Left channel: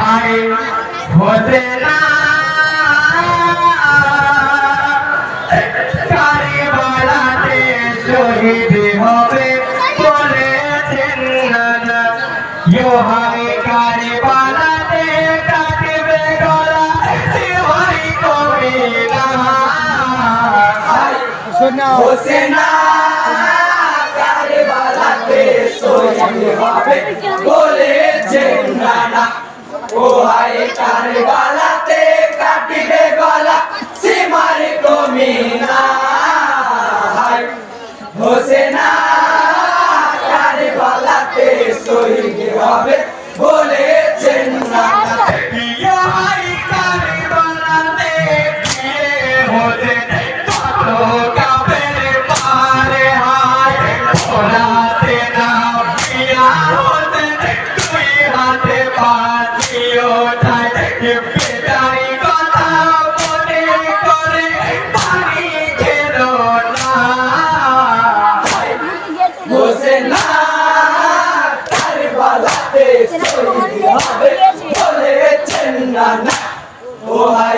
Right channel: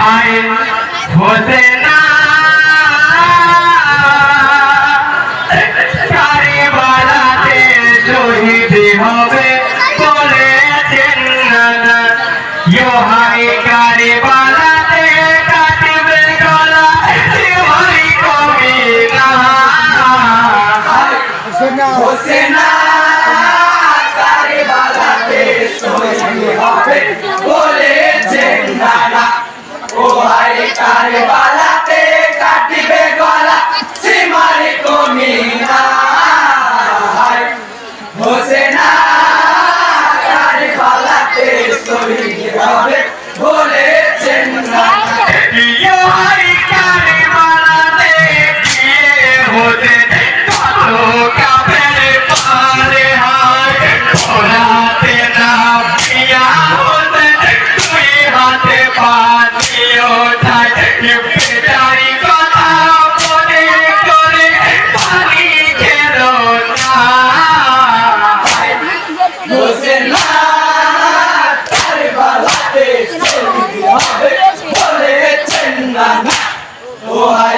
হায় কারিবালাতে শহীদ হবে বলেছেন নানা। ইয়ো হায় কারিবালাতে কাটবে গলা। শিবাই কবি না। হোসেনা। কারবালাতে শহীদ হবে। হায় কারবালাতে কাটিবে গলা সীমার কমিনা। হায় হোসেনা কারবালাতে শহীদ হবে।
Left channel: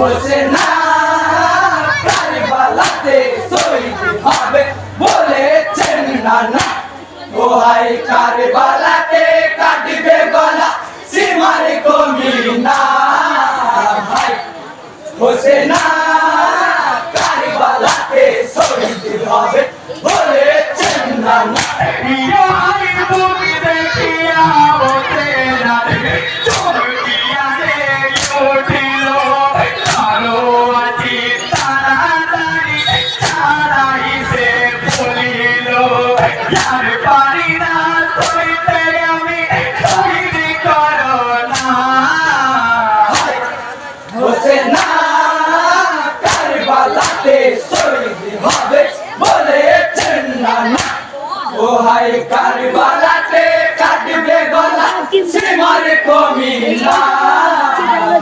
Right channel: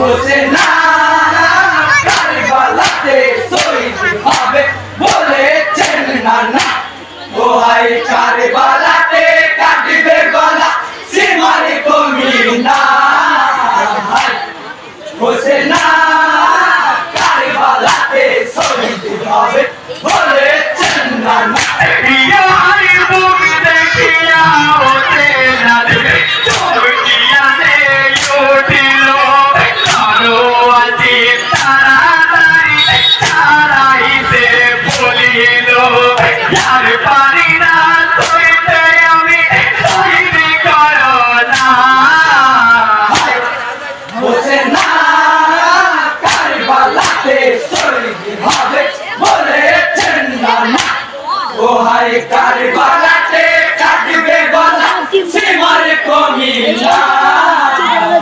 হোসেনা কারবালাতে শহীদ হবে বলেছেন নানা ও হাই কারবালাতে কাটবে গলা, সীমার কমিনা হাই হোসেনা কারবালাতে শহীদ হবে যার পারি না সইতে আমি সইবি করো না হোসেনা কারবালাতে শহীদ হবে বলেছেন নানা ও হাই কারবালাতে কাটবে গলা সীমার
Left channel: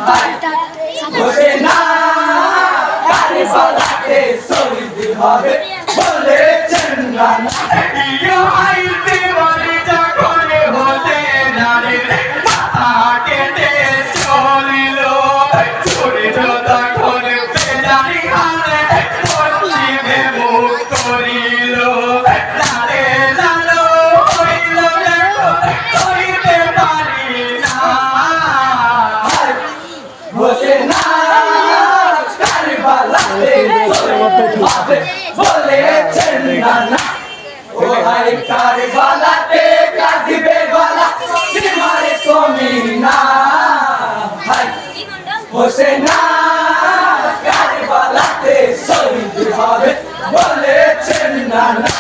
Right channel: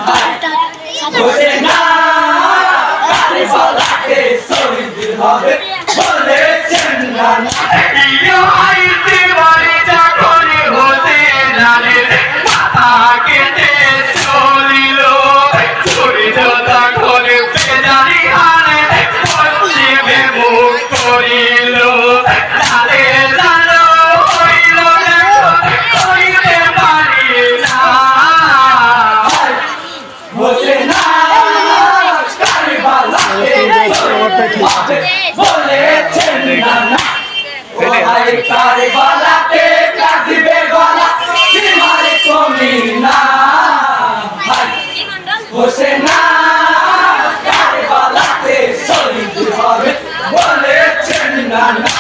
হায় কারবালাতে শহীদ হবে বলেছেন নানা ইয়ো আইতে বাড়ি যখন হতে নারে কেটে চলিল জোতা করে বেদারি হারে পশ্চিমে মুখ করিল বলেছেন নানা ও হায় কারবালাতে কাটবে গলা? সীমার কমিনা হায় হোসেনা কারবালাতে শহীদ হবে? বলেছেন নানা